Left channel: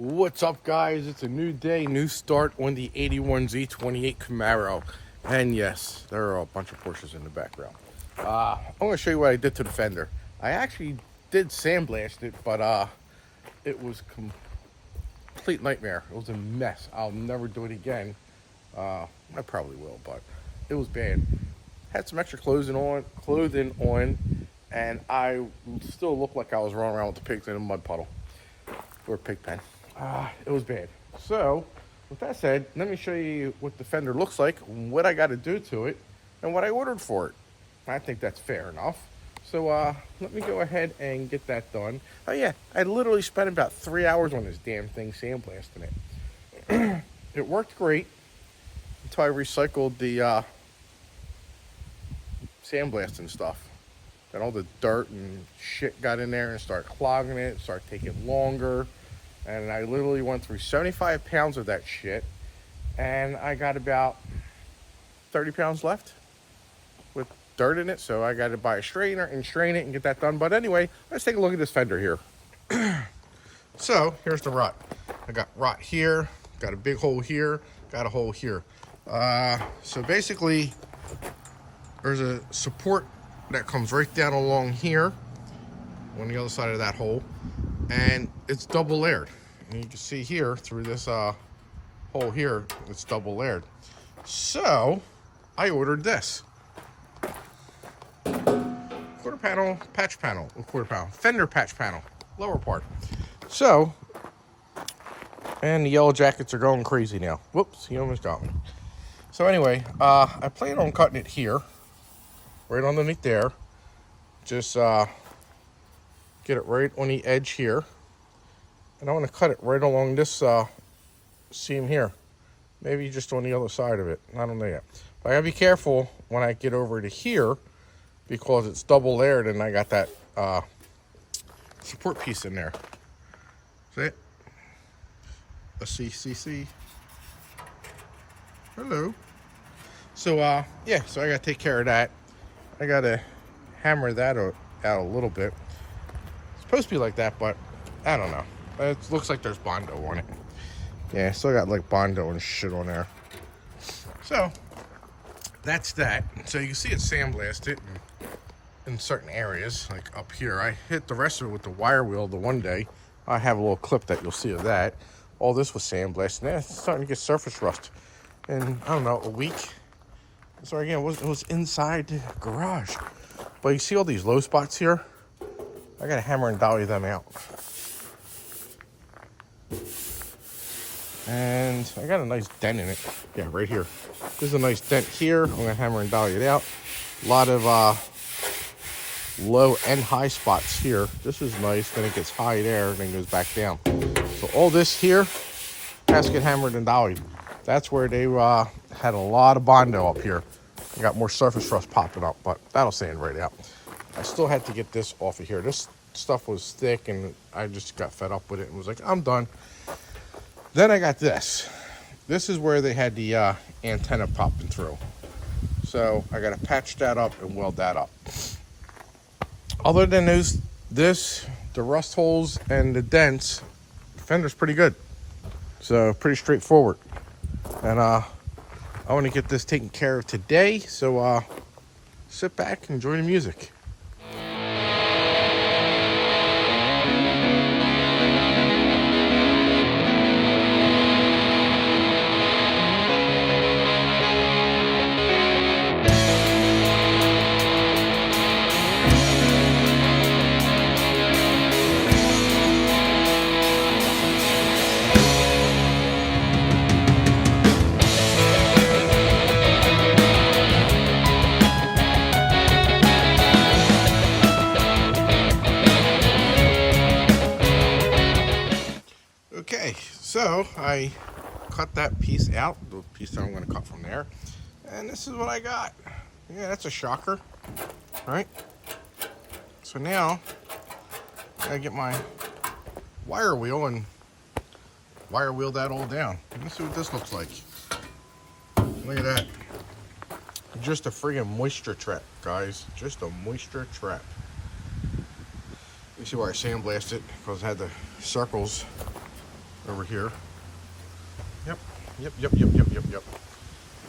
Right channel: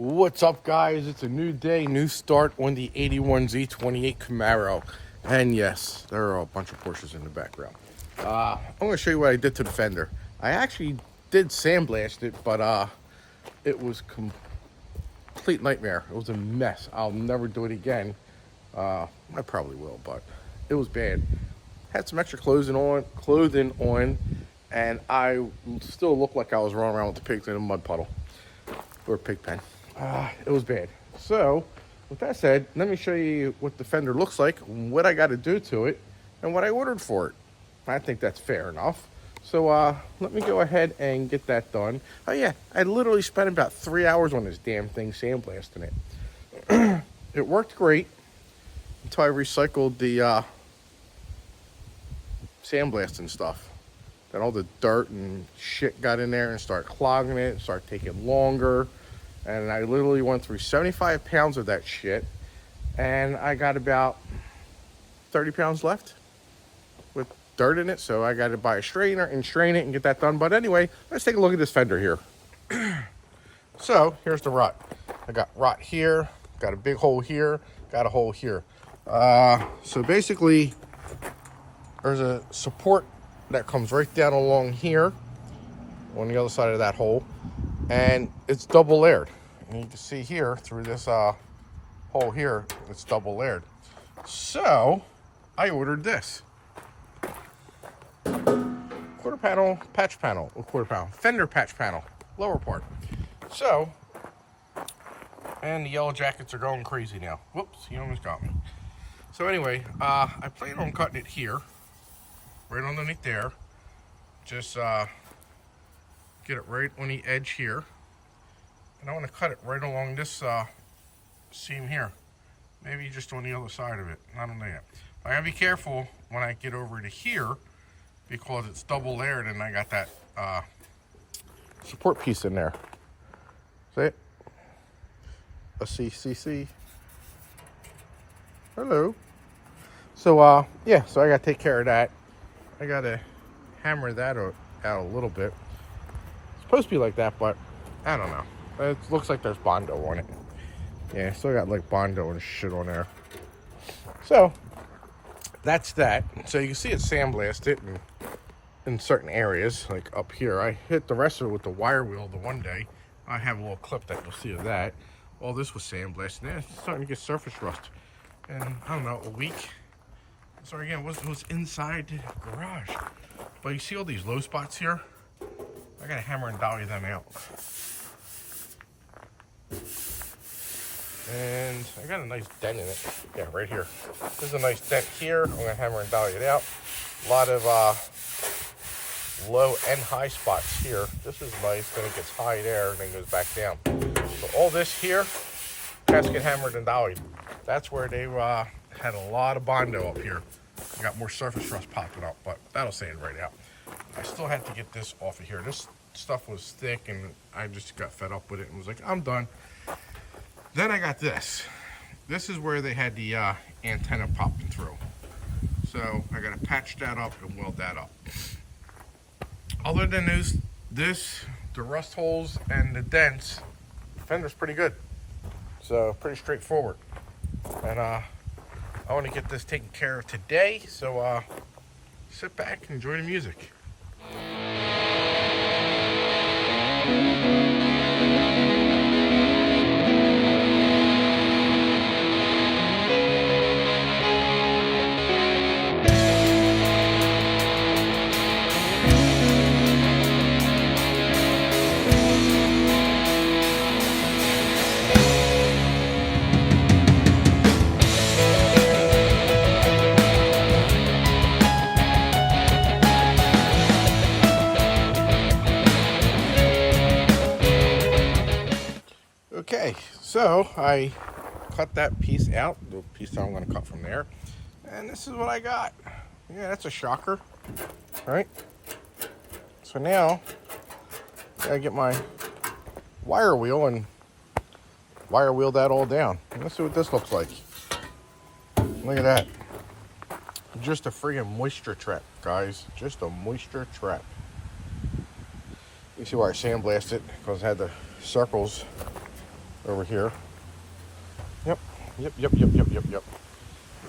What's up, guys? It's a new day, new start on the 81Z28 Camaro. And yes, there are a bunch of Porsches in the background. I'm going to show you what I did to the fender. I actually did sandblast it, but it was complete nightmare. It was a mess. I'll never do it again. I probably will, but it was bad. Had some extra clothing on, and I still looked like I was running around with the pigs in a mud puddle or a pig pen. It was bad. So, with that said, let me show you what the fender looks like, what I got to do to it, and what I ordered for it. I think that's fair enough. So, let me go ahead and get that done. Oh yeah, I literally spent about 3 hours on this damn thing sandblasting it. It worked great until I recycled the sandblasting stuff. Then all the dirt and shit got in there and started clogging it, started taking longer. And I literally went through 75 pounds of that shit. And I got about 30 pounds left with dirt in it. So I got to buy a strainer and strain it and get that done. But anyway, let's take a look at this fender here. So here's the rut. I got rot here, got a big hole here, got a hole here. So basically, there's a support that comes right down along here on the other side of that hole, and it's double layered. And you can see here through this hole here, it's double layered. So I ordered this quarter panel fender patch panel, lower part. So, and the yellow jackets are going crazy now. Whoops, he almost got me. So anyway, I plan on cutting it here, right underneath there. Just get it right on the edge here. And I want to cut it right along this seam here. Maybe just on the other side of it. I don't know yet. But I gotta be careful when I get over to here because it's double layered and I got that support piece in there. See it? A CCC. Hello. So yeah, so I gotta take care of that. I gotta hammer that out a little bit. It's supposed to be like that, but I don't know. It looks like there's Bondo on it. Yeah, still got like Bondo and shit on there. So that's that. So you can see it sandblasted in certain areas, like up here. I hit the rest of it with the wire wheel the one day. I have a little clip that you'll see of that. All this was sandblasted. Yeah, it's starting to get surface rust. And I don't know, a week. So again, it was inside the garage. But you see all these low spots here? I gotta hammer and dolly them out. And I got a nice dent in it. Yeah, right here. There's a nice dent here. I'm gonna hammer and dolly it out. A lot of low and high spots here. This is nice. Then it gets high there and then goes back down. So all this here has to get hammered and dollied. That's where they had a lot of Bondo up here. I got more surface rust popping up, but that'll sand right out. I still had to get this off of here. This stuff was thick and I just got fed up with it and was like, I'm done. Then I got this. This is where they had the antenna popping through. So I got to patch that up and weld that up. Other than the rust holes and the dents, the fender's pretty good. So pretty straightforward. And I want to get this taken care of today. So sit back and enjoy the music. Okay, so I cut that piece out, the piece that I'm going to cut from there, and this is what I got. Yeah, that's a shocker, right? So now, I gotta get my wire wheel and wire wheel that all down. And let's see what this looks like. Look at that. Just a friggin' moisture trap, guys. Just a moisture trap. You see why I sandblasted it, because it had the circles over here. Yep. Yep.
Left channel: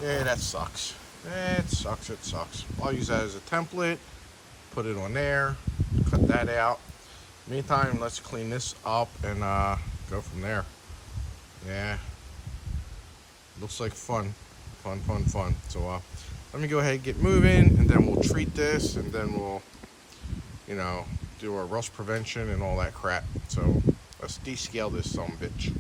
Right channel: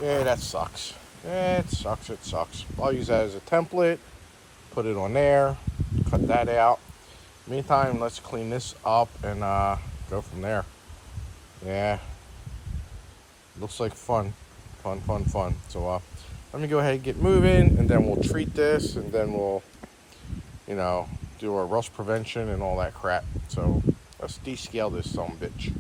Yeah, that sucks. It sucks. I'll use that as a template, put it on there, cut that out. Meantime, let's clean this up and go from there. Yeah, looks like fun. So let me go ahead and get moving, and then we'll treat this, and then we'll, do our rust prevention and all that crap. So let's descale this son of a bitch.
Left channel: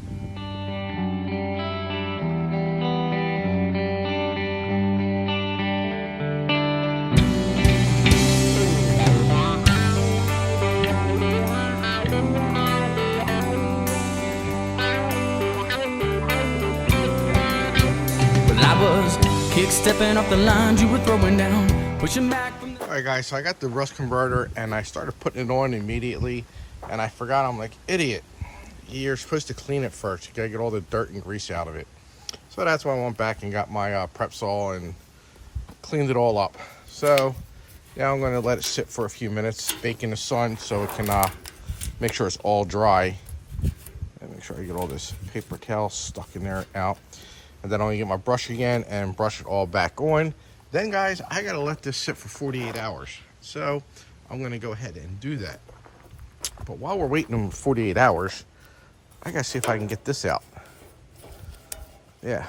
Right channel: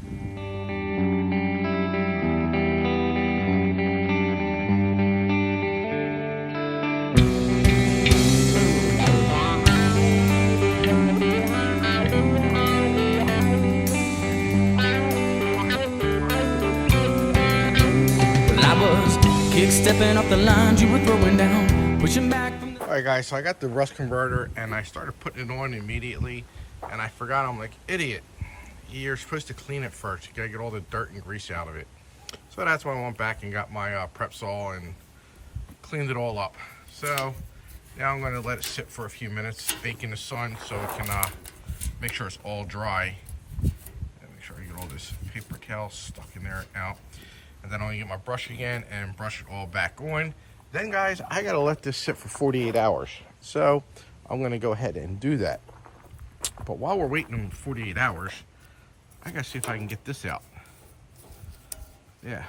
Kick-stepping off the lines you were throwing down, pushing back from the... Alright guys, so I got the rust converter and I started putting it on immediately, and I forgot. I'm like, idiot, you're supposed to clean it first. You gotta get all the dirt and grease out of it. So that's why I went back and got my prep saw and cleaned it all up. So now I'm gonna let it sit for a few minutes, bake in the sun so it can make sure it's all dry. And make sure I get all this paper towel stuck in there out. And then I'm gonna get my brush again and brush it all back on. Then guys, I gotta let this sit for 48 hours. So I'm gonna go ahead and do that. But while we're waiting 48 hours, I gotta see if I can get this out. Yeah,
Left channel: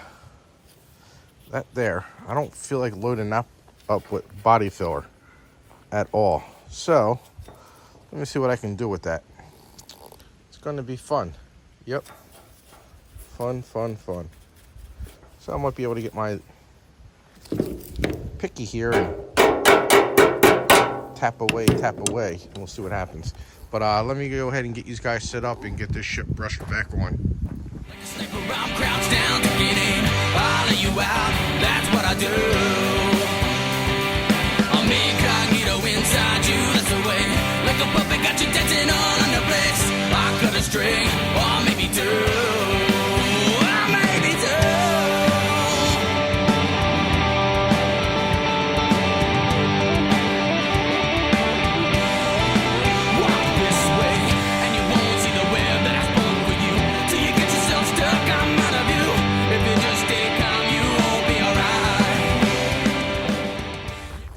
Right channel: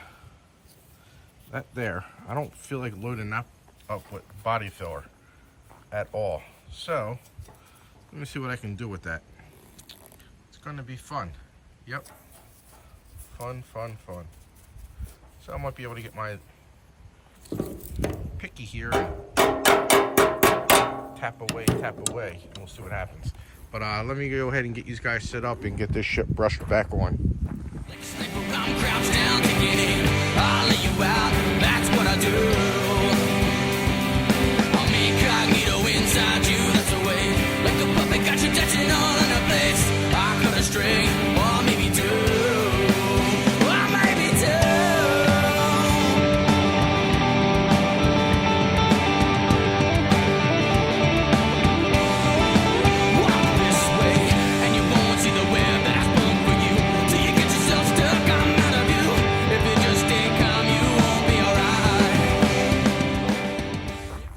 that there. I don't feel like loading that up with body filler at all. So let me see what I can do with that. It's gonna be fun. Yep, fun. So I might be able to get my picky here and tap away. We'll see what happens. But let me go ahead and get you guys set up and get this shit brushed back on.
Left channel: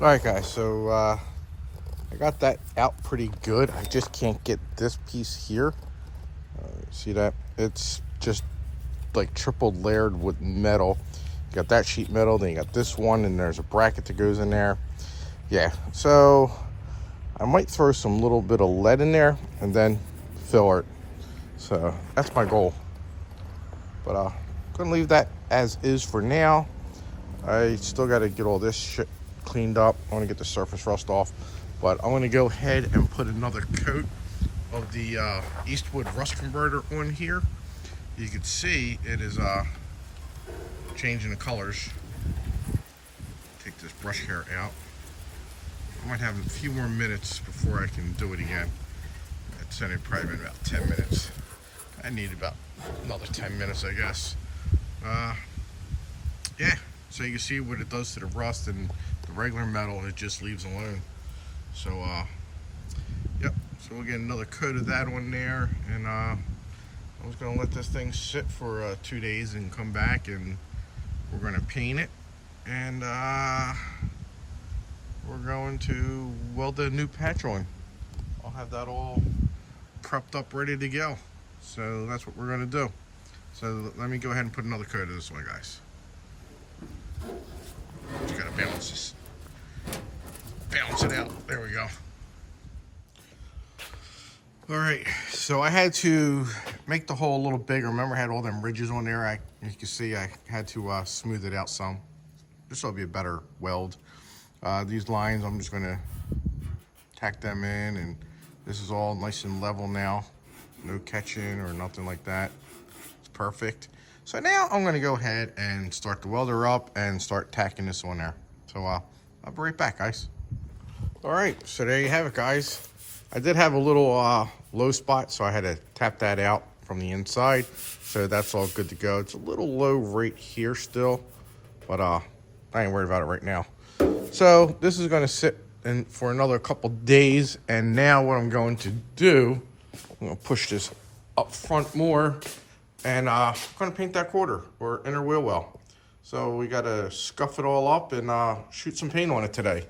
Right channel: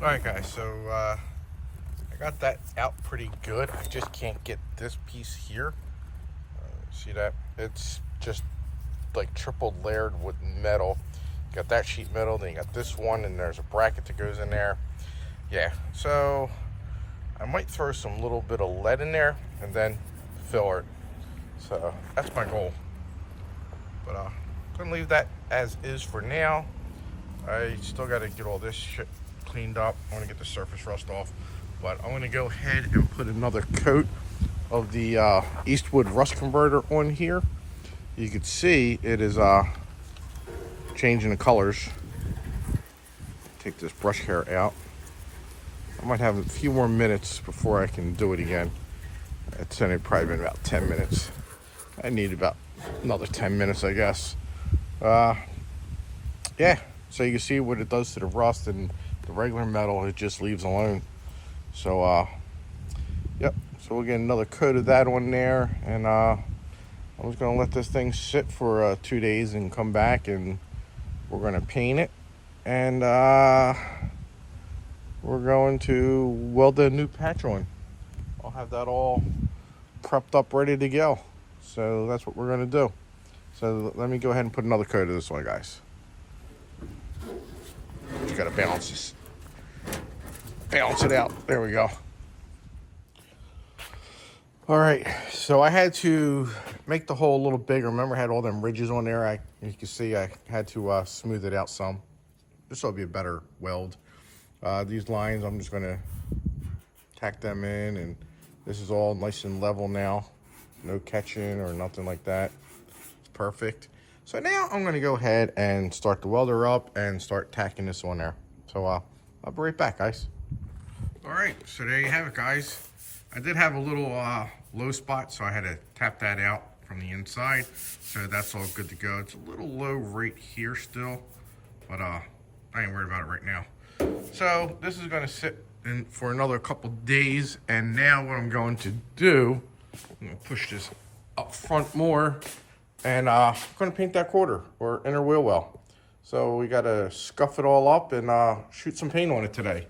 Alright guys, so I got that out pretty good. I just can't get this piece here. See that? It's just like triple layered with metal. You got that sheet metal, then you got this one, and there's a bracket that goes in there. Yeah, so I might throw some little bit of lead in there and then fill it. So that's my goal. But I'm gonna leave that as is for now. I still gotta get all this shit cleaned up. I want to get the surface rust off, but I'm going to go ahead and put another coat of the Eastwood rust converter on here. You can see it is changing the colors. Take this brush hair out. I might have a few more minutes before I can do it again. It's only probably been about 10 minutes. I need about another 10 minutes, I guess. Yeah, so you can see what it does to the rust, and the regular metal it just leaves alone. So yep, so we'll get another coat of that on there, and I'm just gonna let this thing sit for 2 days and come back, and we're gonna paint it, and we're going to weld a new patch on. I'll have that all prepped up, ready to go. So that's what we're gonna do. So let me go ahead and put another coat of this on, guys. Just gotta balance this. Balance it out. There we go. All right, so I had to make the hole a little bigger. Remember, I had all them ridges on there. You can see I had to smooth it out some. This will be a better weld. These lines, I'm just gonna tack them in, and this is all nice and level now. No catching or nothing like that. It's perfect. So now I'm gonna go ahead and start the welder up and start tacking this on there. So I'll be right back, guys. All right, so there you have it, guys. I did have a little low spot, so I had to tap that out from the inside. So that's all good to go. It's a little low right here still, but I ain't worried about it right now. So this is gonna sit in for another couple days, and now what I'm going to do, I'm gonna push this up front more and going to paint that quarter or inner wheel well. So we got to scuff it all up and shoot some paint on it today.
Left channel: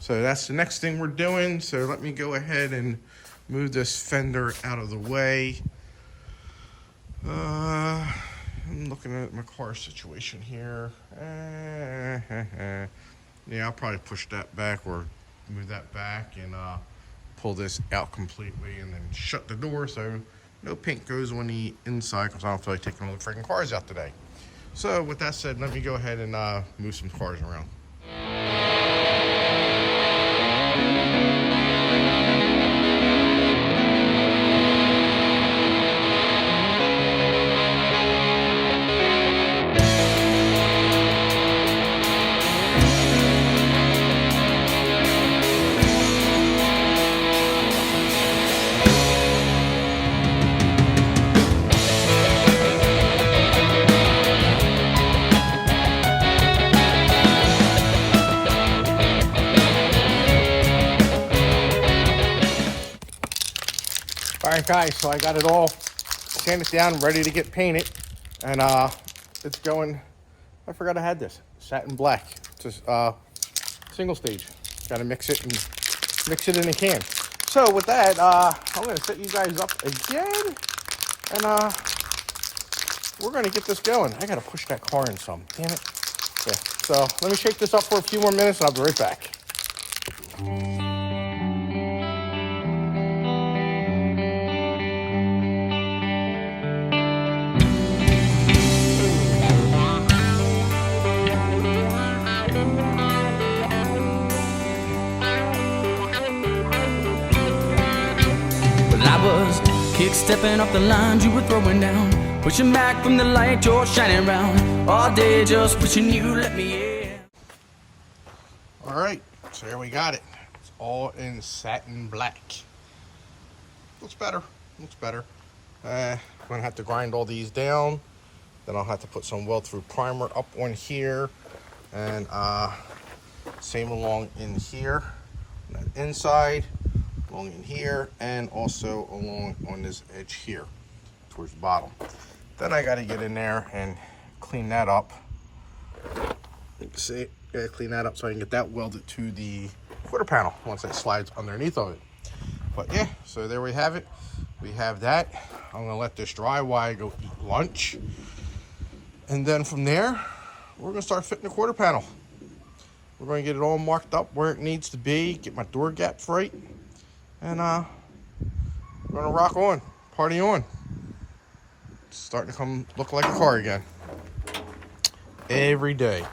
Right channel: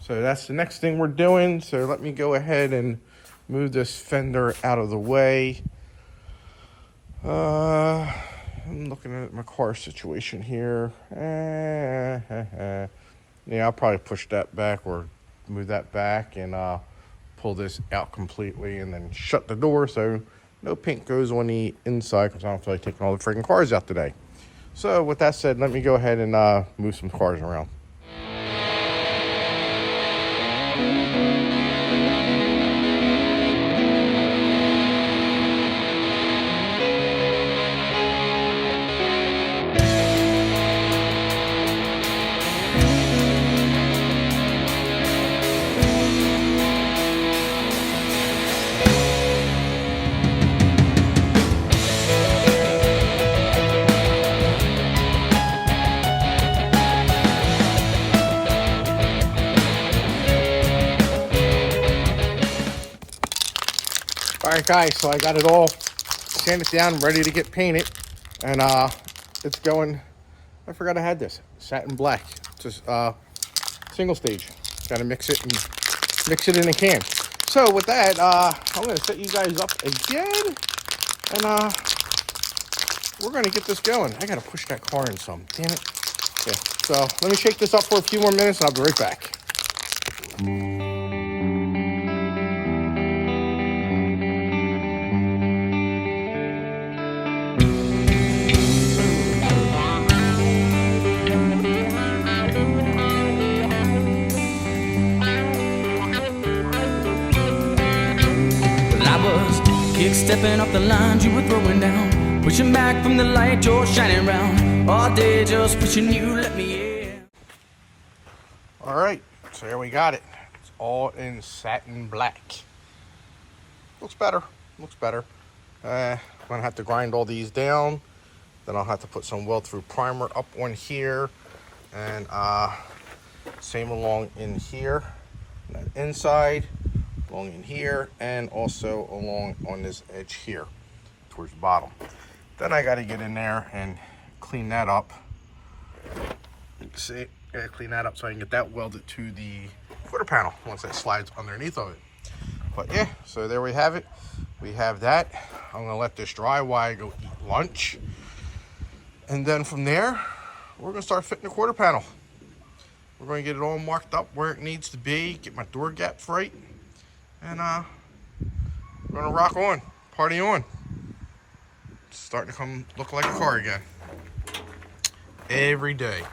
So that's the next thing we're doing. So let me go ahead and move this fender out of the way. I'm looking at my car situation here. Yeah, I'll probably push that back or move that back and pull this out completely and then shut the door so no paint goes on the inside because I don't feel like taking all the freaking cars out today. So with that said, let me go ahead and move some cars around. Alright guys, so I got it all sanded down, ready to get painted. And it's going, I forgot I had this, satin black. Just single stage. Gotta mix it in a can. So with that, I'm gonna set you guys up again. And we're gonna get this going. I gotta push that car in some, damn it. Yeah, so let me shake this up for a few more minutes and I'll be right back. I was kick-stepping off the lines you were throwing down, pushing back from the light you're shining round, all day just wishing you let me in. All right, so here we got it. It's all in satin black. Looks better, looks better. I'm gonna have to grind all these down. Then I'll have to put some weld-through primer up on here. And same along in here, on that inside. Along in here and also along on this edge here towards the bottom. Then I got to get in there and clean that up. You can see, gotta clean that up so I can get that welded to the quarter panel once that slides underneath of it. But yeah, so there we have it. We have that. I'm gonna let this dry while I go eat lunch. And then from there, we're gonna start fitting the quarter panel. We're gonna get it all marked up where it needs to be, get my door gaps right. And we're gonna rock on, party on. It's starting to come look like a car again. Every day.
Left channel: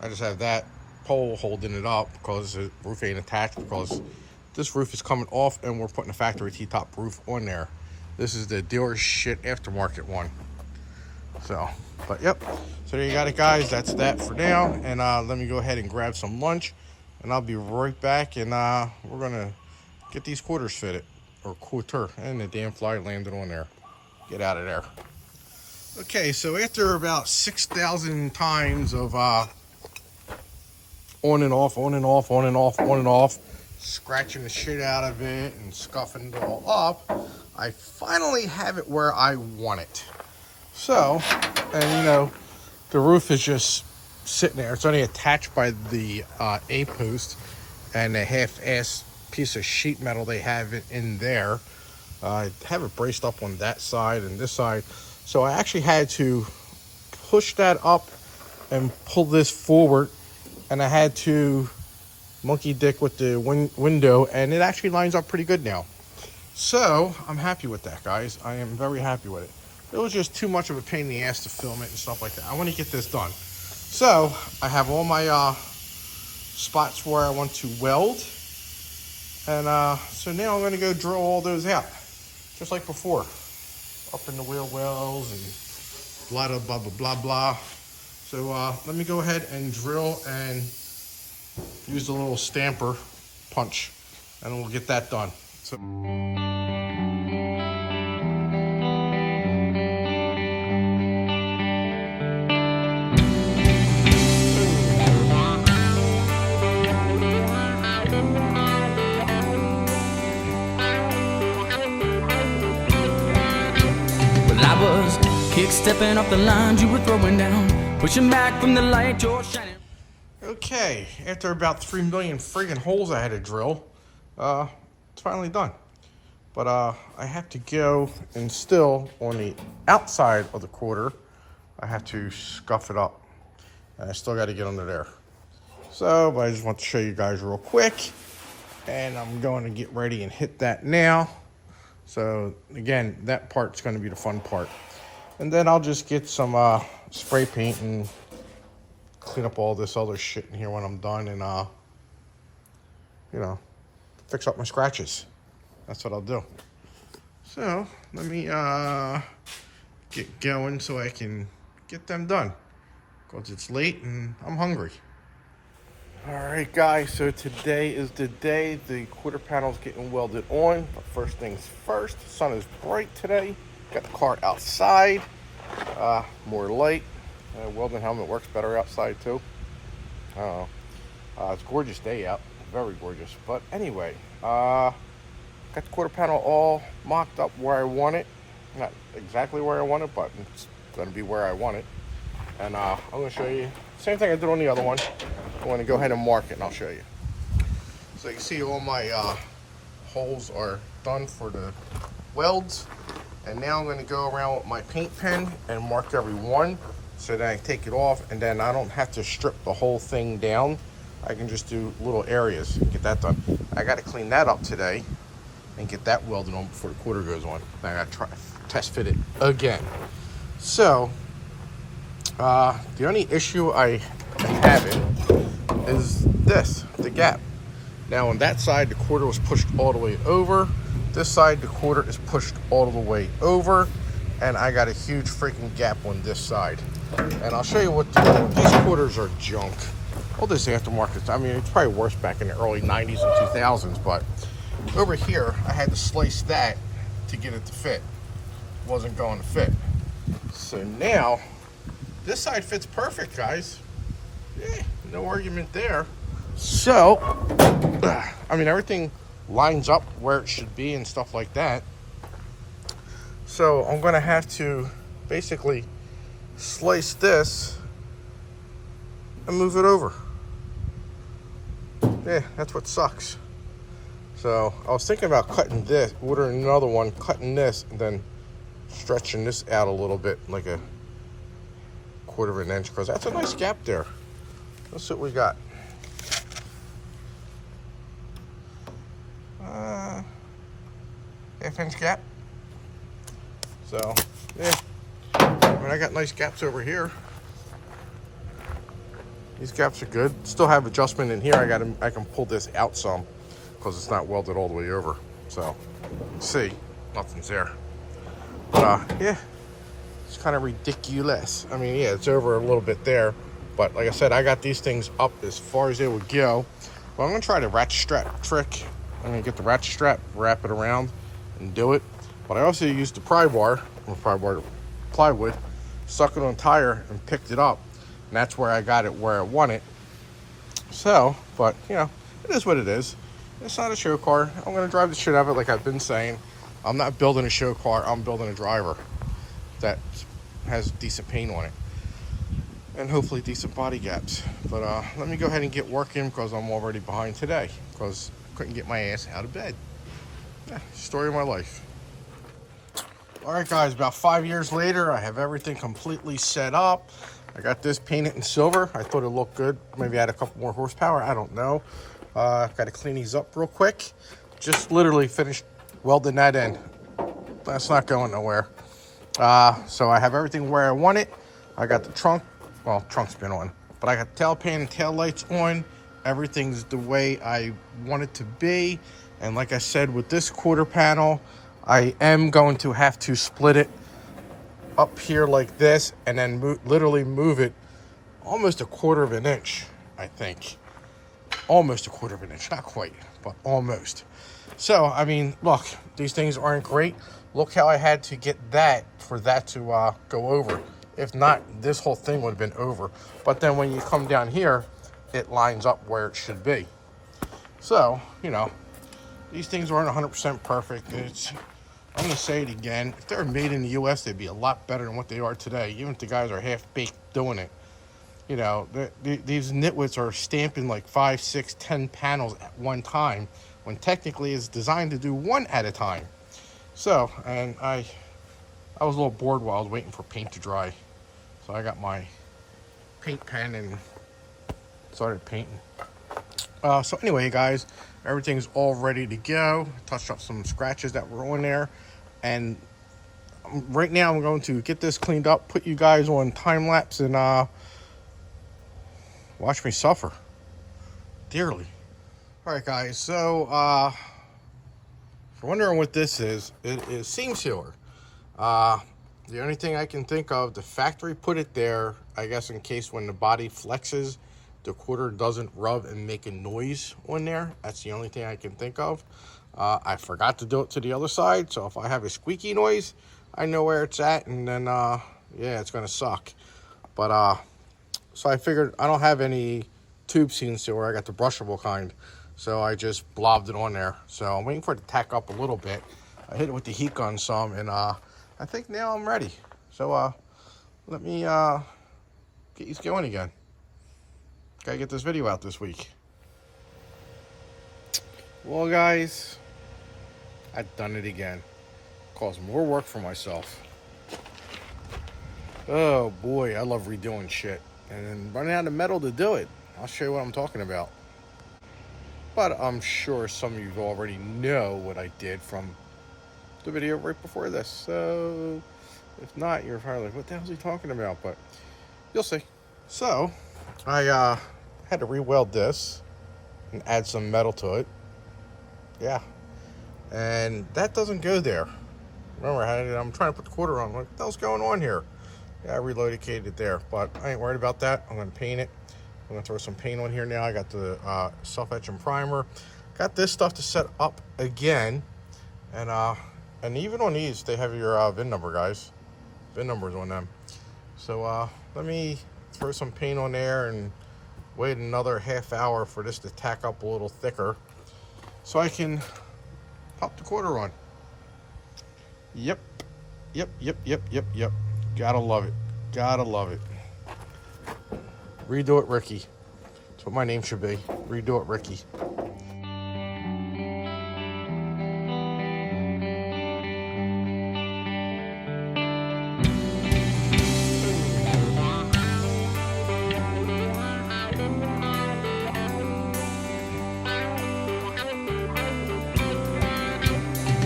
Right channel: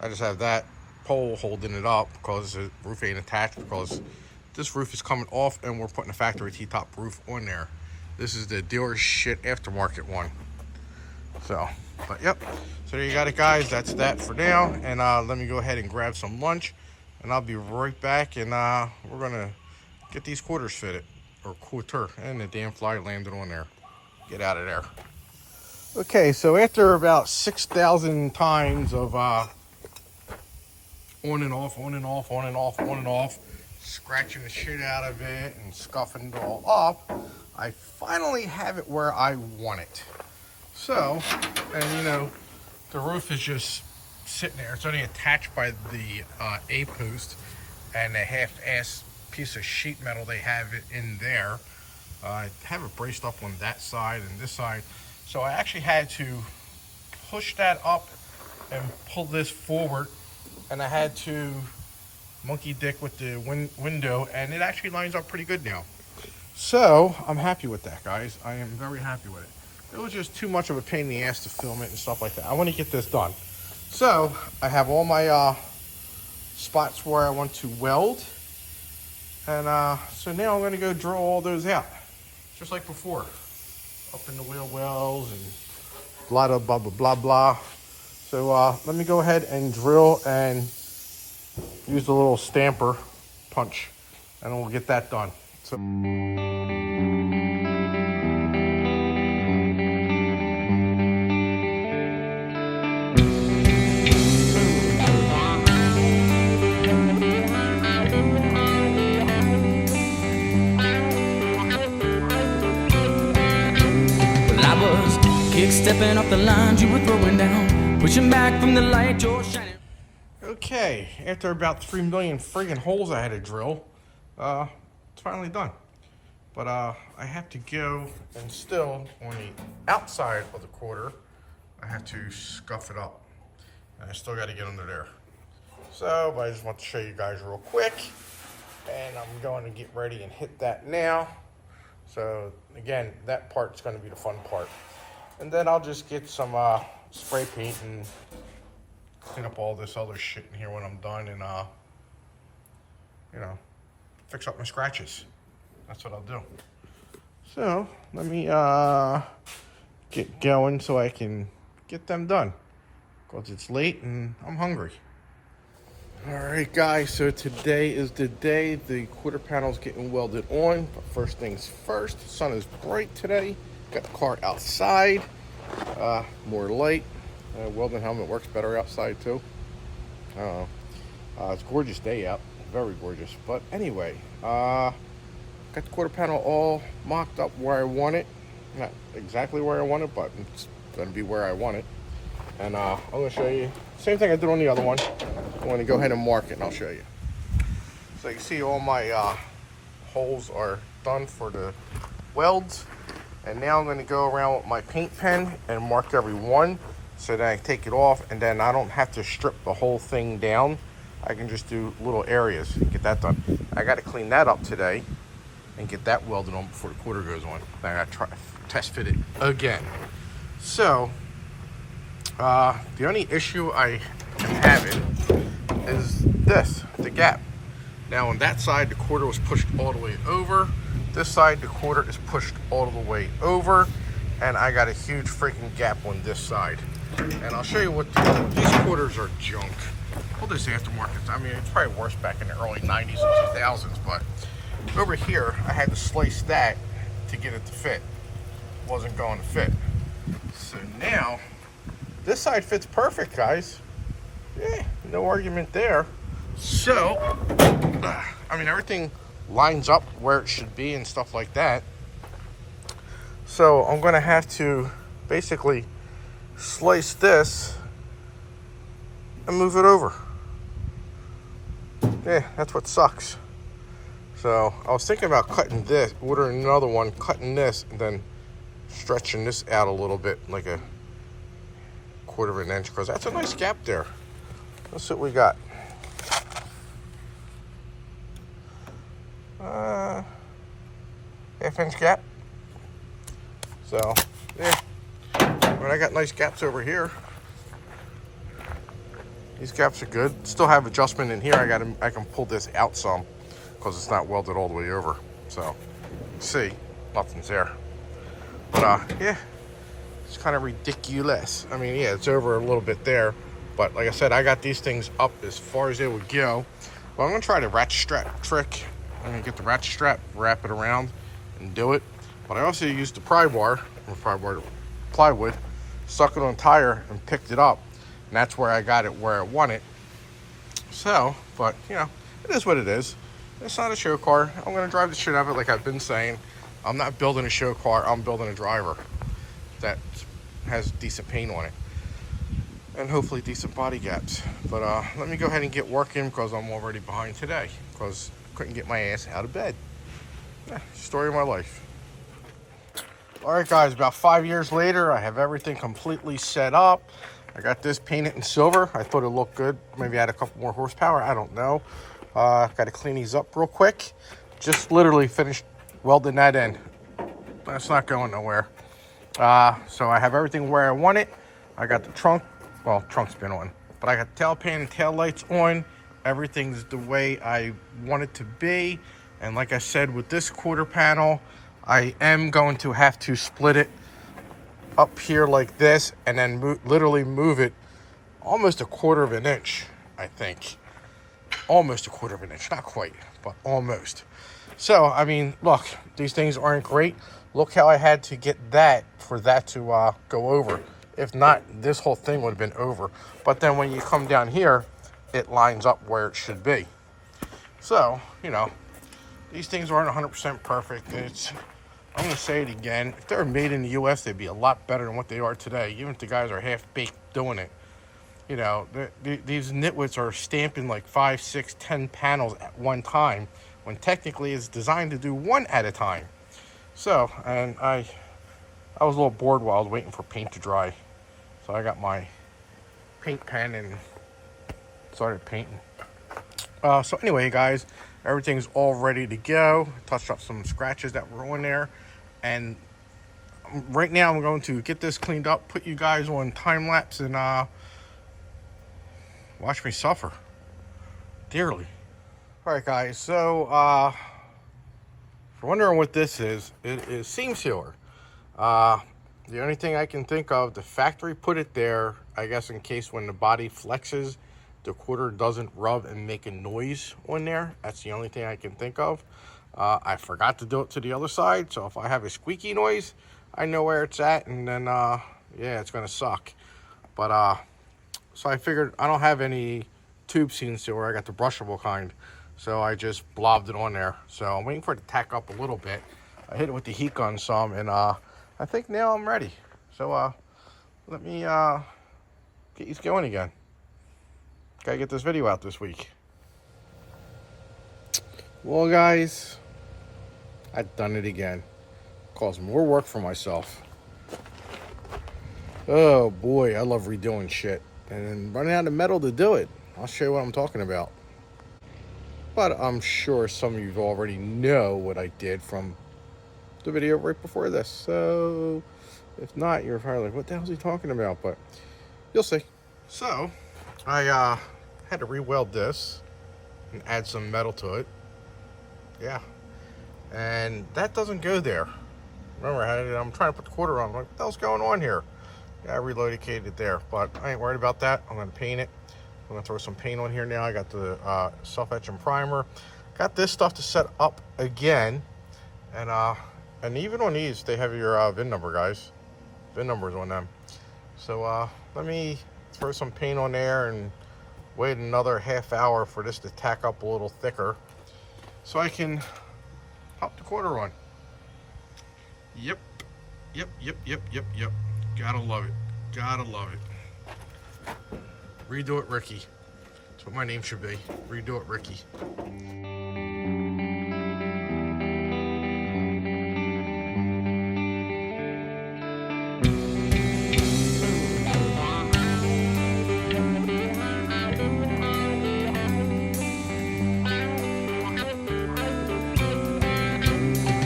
I just have that pole holding it up because the roof ain't attached, because this roof is coming off and we're putting a factory T-top roof on there. This is the dealer shit aftermarket one. So, but yep. So there you got it, guys. That's that for now. And let me go ahead and grab some lunch. And I'll be right back, and we're gonna get these quarters fitted, or quarter, and the damn fly landed on there. Get out of there. Okay, so after about 6,000 times of on and off, on and off, on and off, on and off, scratching the shit out of it and scuffing it all up, I finally have it where I want it. So, and you know, the roof is just sitting there. It's only attached by the A post and a half-ass piece of sheet metal they have it in there. I have it braced up on that side and this side, so I actually had to push that up and pull this forward, and I had to monkey dick with the window, and it actually lines up pretty good now. So I'm happy with that, guys. I am very happy with it. It was just too much of a pain in the ass to film it and stuff like that. I want to get this done. So I have all my spots where I want to weld, and so now I'm going to go drill all those out, just like before, up in the wheel wells and a lot of blah blah blah blah. So let me go ahead and drill and use the little stamper punch, and we'll get that done. So. I was kick-stepping off the lines you were throwing down, pushing back from the light you're shining. Okay, after about 3 million friggin' holes I had to drill, it's finally done. But I have to go and still on the outside of the quarter, I have to scuff it up. And I still got to get under there. So, but I just want to show you guys real quick. And I'm going to get ready and hit that now. So again, that part's going to be the fun part. And then I'll just get some spray paint and clean up all this other shit in here when I'm done and, you know, fix up my scratches. That's what I'll do. So, let me get going so I can get them done. Because it's late and I'm hungry. Alright guys, so today is the day the quarter panel's getting welded on. But first things first, the sun is bright today. Got the car outside. More light. Welding helmet works better outside too. I don't know. It's a gorgeous day out. Very gorgeous. But anyway, got the quarter panel all mocked up where I want it. Not exactly where I want it, but it's going to be where I want it. And I'm going to show you. Same thing I did on the other one. I'm going to go ahead and mark it and I'll show you. So you can see all my holes are done for the welds. And now I'm going to go around with my paint pen and mark every one so that I take it off and then I don't have to strip the whole thing down. I can just do little areas and get that done. I got to clean that up today and get that welded on before the quarter goes on. I got to try test fit it again. So the only issue I am having is this, the gap. Now on that side, the quarter was pushed all the way over. This side, the quarter is pushed all the way over. And I got a huge freaking gap on this side. And I'll show you what to do. These quarters are junk. All this aftermarket, I mean, it's probably worse back in the early 90s and 2000s, but over here, I had to slice that to get it to fit. It wasn't going to fit. So now, this side fits perfect, guys. Yeah, no argument there. So, I mean, everything lines up where it should be and stuff like that. So, I'm going to have to basically slice this and move it over. Yeah, that's what sucks. So, I was thinking about cutting this, ordering another one, cutting this, and then stretching this out a little bit, like a 1/4 of an inch, because that's a nice gap there. Let's see what we got. 1/2 inch gap. So, yeah. But I got nice gaps over here. These gaps are good. Still have adjustment in here. I can pull this out some because it's not welded all the way over. So, see, nothing's there. But yeah, it's kind of ridiculous. I mean, yeah, it's over a little bit there. But like I said, I got these things up as far as they would go. But I'm gonna try the ratchet strap trick. I'm gonna get the ratchet strap, wrap it around, and do it. But I also used the pry bar, plywood, stuck it on a tire and picked it up. And that's where I got it where I want it. So, but you know, it is what it is. It's not a show car. I'm gonna drive the shit out of it like I've been saying. I'm not building a show car, I'm building a driver that has decent paint on it. And hopefully decent body gaps. But let me go ahead and get working because I'm already behind today. Because I couldn't get my ass out of bed. Yeah, story of my life. Alright guys, about 5 years later, I have everything completely set up. I got this painted in silver. I thought it looked good. Maybe I had a couple more horsepower. I don't know. Got to clean these up real quick. Just literally finished welding that in. That's not going nowhere. So I have everything where I want it. I got the trunk. Well, trunk's been on. But I got tail pan and tail lights on. Everything's the way I want it to be. And like I said, with this quarter panel, I am going to have to split it up here like this and then literally move it almost 1/4 of an inch, I think. Almost 1/4 of an inch, not quite, but almost. So, I mean, look, these things aren't great. Look how I had to get that for that to go over. If not, this whole thing would have been over. But then when you come down here, it lines up where it should be. So, you know, these things aren't 100% perfect. It's I'm going to say it again. If they were made in the U.S., they'd be a lot better than what they are today, even if the guys are half-baked doing it. You know, these nitwits are stamping like 5, 6, 10 panels at one time, when technically it's designed to do one at a time. So, and I was a little bored while I was waiting for paint to dry. So I got my paint pen and started painting. So anyway, guys, everything's all ready to go. Touched up some scratches that were on there. And right now I'm going to get this cleaned up, put you guys on time lapse, and watch me suffer dearly. All right, guys, so if you're wondering what this is, it is seam sealer. The only thing I can think of, the factory put it there, I guess, in case when the body flexes, the quarter doesn't rub and make a noise on there. That's the only thing I can think of. I forgot to do it to the other side, so if I have a squeaky noise, I know where it's at, and then, yeah, it's gonna suck. But, so I figured I don't have any tube seam sealer. I got the brushable kind, so I just blobbed it on there. So I'm waiting for it to tack up a little bit. I hit it with the heat gun some, and I think now I'm ready. So let me get these going again. Gotta get this video out this week. Well, guys, I've done it again. Caused more work for myself. Oh boy, I love redoing shit. And then running out of metal to do it. I'll show you what I'm talking about. But I'm sure some of you already know what I did from the video right before this. So if not, you're probably like, what the hell is he talking about? But you'll see. So I had to re-weld this and add some metal to it. Yeah. And that doesn't go there. Remember, I'm trying to put the quarter on. I'm like, what the hell's going on here? Yeah, I relocated it there, but I ain't worried about that. I'm going to paint it. I'm going to throw some paint on here now. I got the self-etching primer. Got this stuff to set up again. And even on these, they have your VIN number, guys. VIN numbers on them. So let me throw some paint on there and wait another half hour for this to tack up a little thicker so I can pop the quarter on. Yep. Gotta love it. Gotta love it. Redo it, Ricky. That's what my name should be. Redo it, Ricky.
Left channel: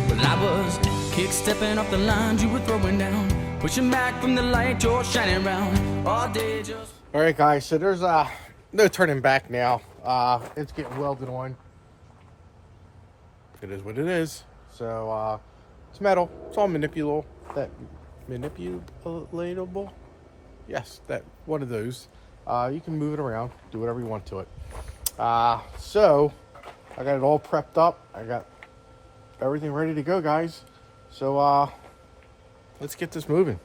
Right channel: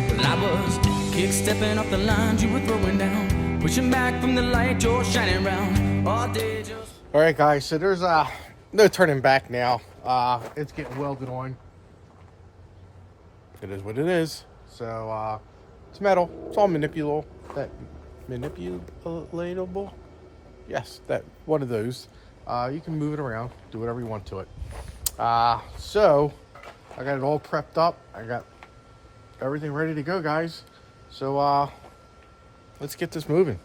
Well, I was kick-stepping off the lines you were throwing down, pushing back from the light you're shining round all day just... All right, guys, so there's no turning back now. It's getting welded on. It is what it is. So it's metal. It's all manipulable. Manipulatable? Yes, that one of those. You can move it around, do whatever you want to it. So I got it all prepped up. I got everything ready to go, guys. So let's get this moving.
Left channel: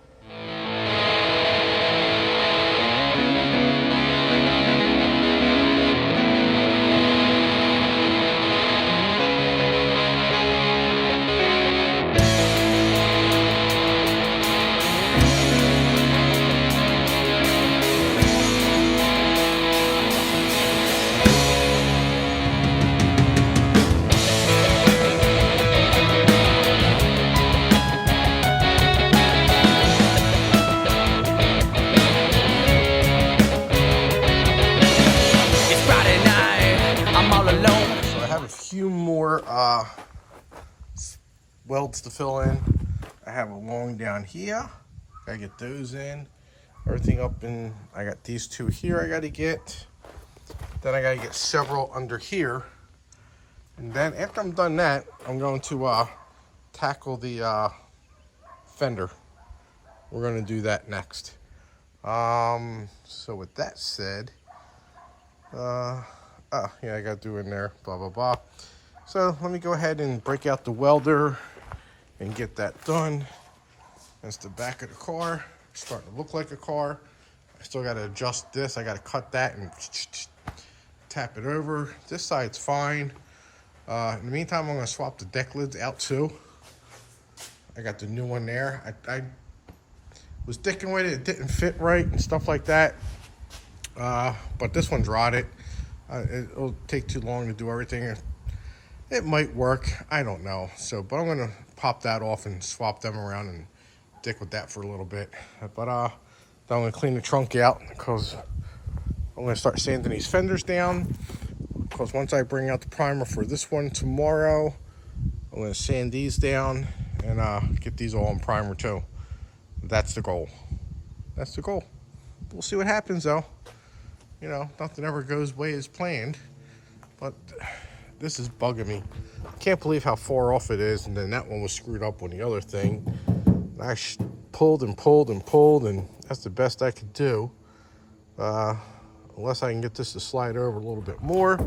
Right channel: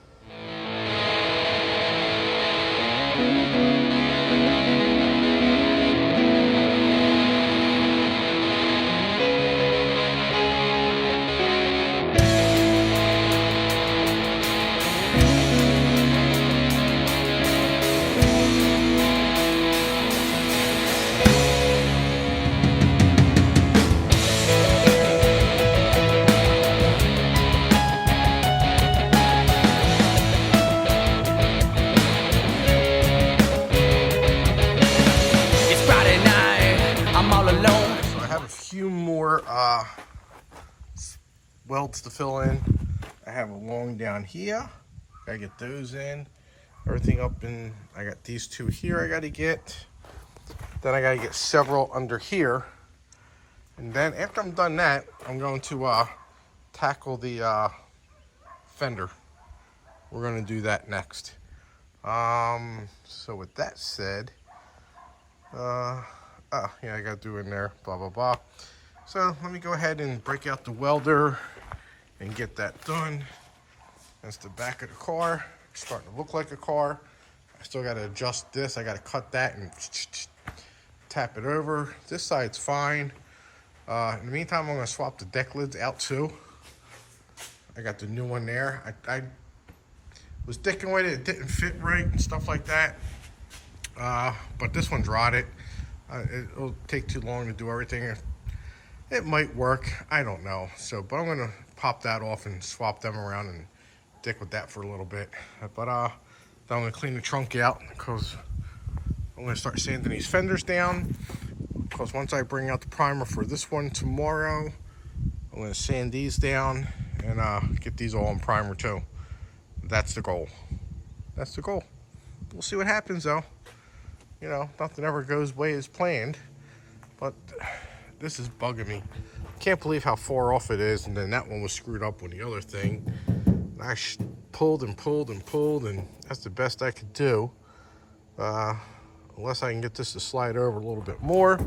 Few more welds to fill in. I have a long down here. Gotta get those in. Everything up in. I got these two here I gotta get. Then I gotta get several under here. And then after I'm done that, I'm going to tackle the fender. We're gonna do that next. So with that said, yeah, I got to do in there, blah, blah, blah. So let me go ahead and break out the welder and get that done. That's the back of the car. It's starting to look like a car. I still got to adjust this. I got to cut that and tap it over. This side's fine. In the meantime, I'm going to swap the deck lids out too. I got the new one there. I was sticking with it. It didn't fit right and stuff like that. But this one's rotted. It'll take too long to do everything. It might work. I don't know. So, but I'm going to pop that off and swap them around and stick with that for a little bit. But then I'm going to clean the trunk out because I'm going to start sanding these fenders down. Because once I bring out the primer for this one tomorrow, I'm going to sand these down and get these all in primer too. That's the goal. That's the goal. We'll see what happens though. You know, nothing ever goes way as planned. But this is bugging me. Can't believe how far off it is. And then that one was screwed up on the other thing. I pulled and pulled and pulled, and that's the best I could do. Unless I can get this to slide over a little bit more.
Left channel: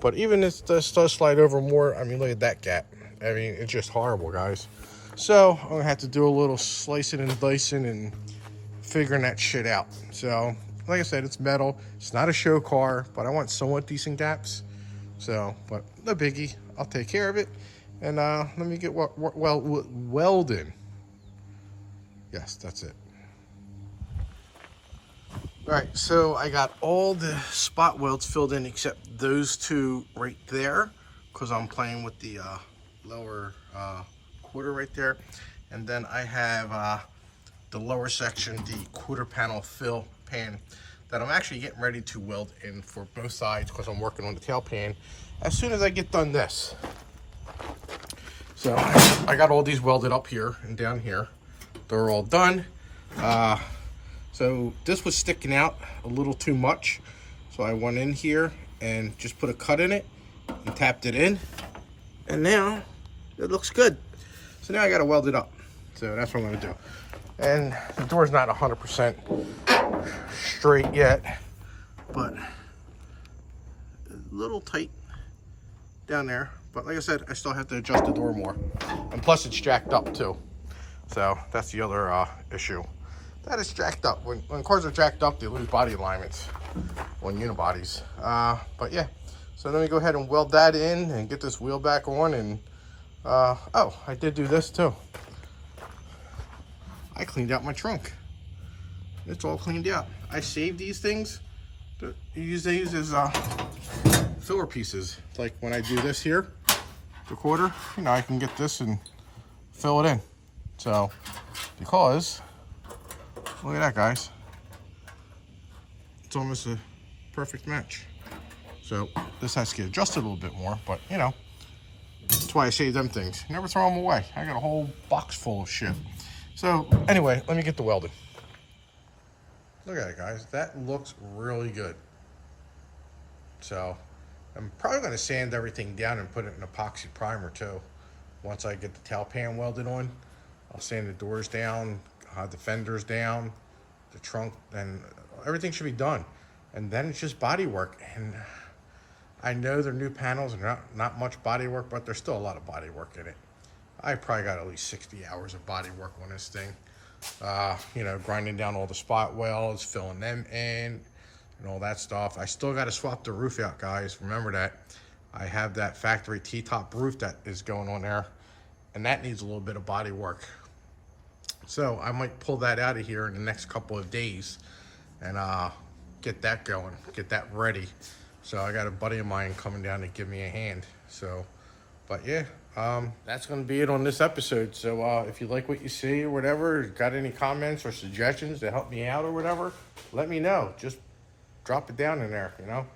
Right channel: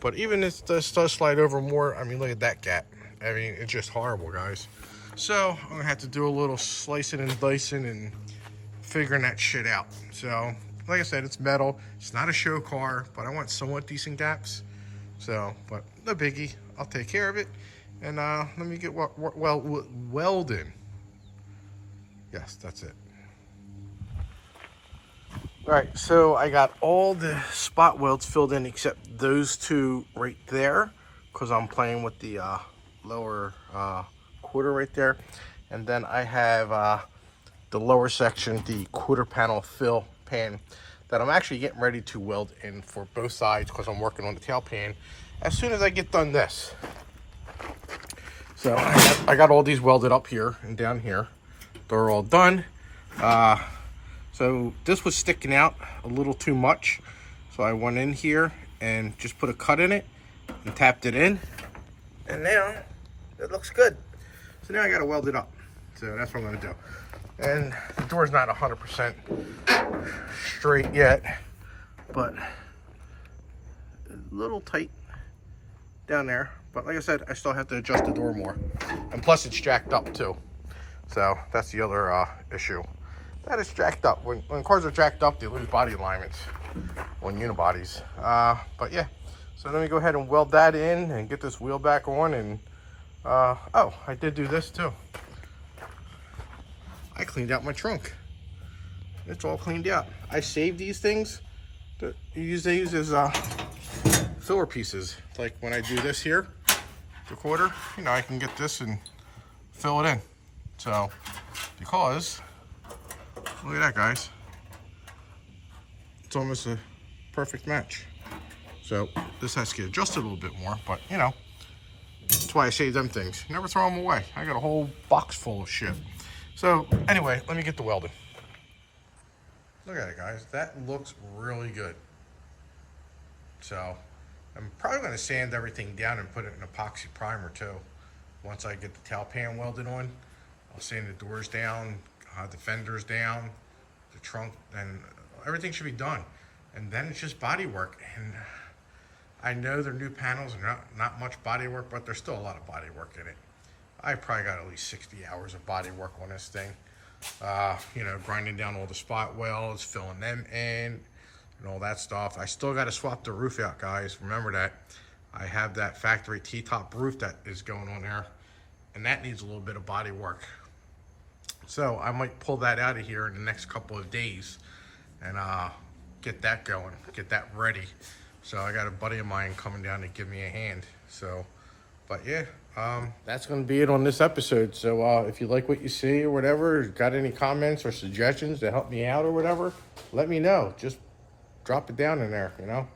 But even if this does slide over more, I mean, look at that gap. I mean, it's just horrible, guys. So I'm gonna have to do a little slicing and dicing and figuring that shit out. So, like I said, it's metal. It's not a show car, but I want somewhat decent gaps. So, but no biggie. I'll take care of it. And let me get welding. Yes, that's it. All right, so I got all the spot welds filled in except those two right there because I'm playing with the lower quarter right there. And then I have the lower section, the quarter panel fill pan that I'm actually getting ready to weld in for both sides because I'm working on the tail pan as soon as I get done this. So I got all these welded up here and down here. They're all done. So this was sticking out a little too much. So I went in here and just put a cut in it and tapped it in. And now it looks good. So now I gotta weld it up. So that's what I'm gonna do. And the door's not 100% straight yet, but a little tight down there. But like I said, I still have to adjust the door more. And plus it's jacked up too. So that's the other issue. That is jacked up. When cars are jacked up, they lose body alignments on unibodies. But yeah, so let me go ahead and weld that in and get this wheel back on. And oh, I did do this too. I cleaned out my trunk. It's all cleaned out. I saved these things. They use as filler pieces. Like when I do this here, the quarter, you know, I can get this and fill it in. So, because, look at that, guys. It's almost a perfect match. So, this has to get adjusted a little bit more, but, you know, that's why I save them things. Never throw them away. I got a whole box full of shit. So, anyway, let me get the welding. Look at it, guys. That looks really good. So, I'm probably going to sand everything down and put it in epoxy primer, too. Once I get the tail pan welded on. I'll sand the doors down, the fenders down, the trunk, and everything should be done. And then it's just body work. And I know they're new panels and not much body work, but there's still a lot of body work in it. I probably got at least 60 hours of body work on this thing. You know, grinding down all the spot welds, filling them in, and all that stuff. I still got to swap the roof out, guys. Remember that. I have that factory T-top roof that is going on there, and that needs a little bit of body work. So I might pull that out of here in the next couple of days and get that going, get that ready. So I got a buddy of mine coming down to give me a hand. So, but yeah, that's going to be it on this episode. So if you like what you see or whatever, got any comments or suggestions to help me out or whatever, let me know. Just drop it down in there, you know.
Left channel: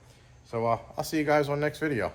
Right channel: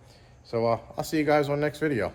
So I'll see you guys on the next video.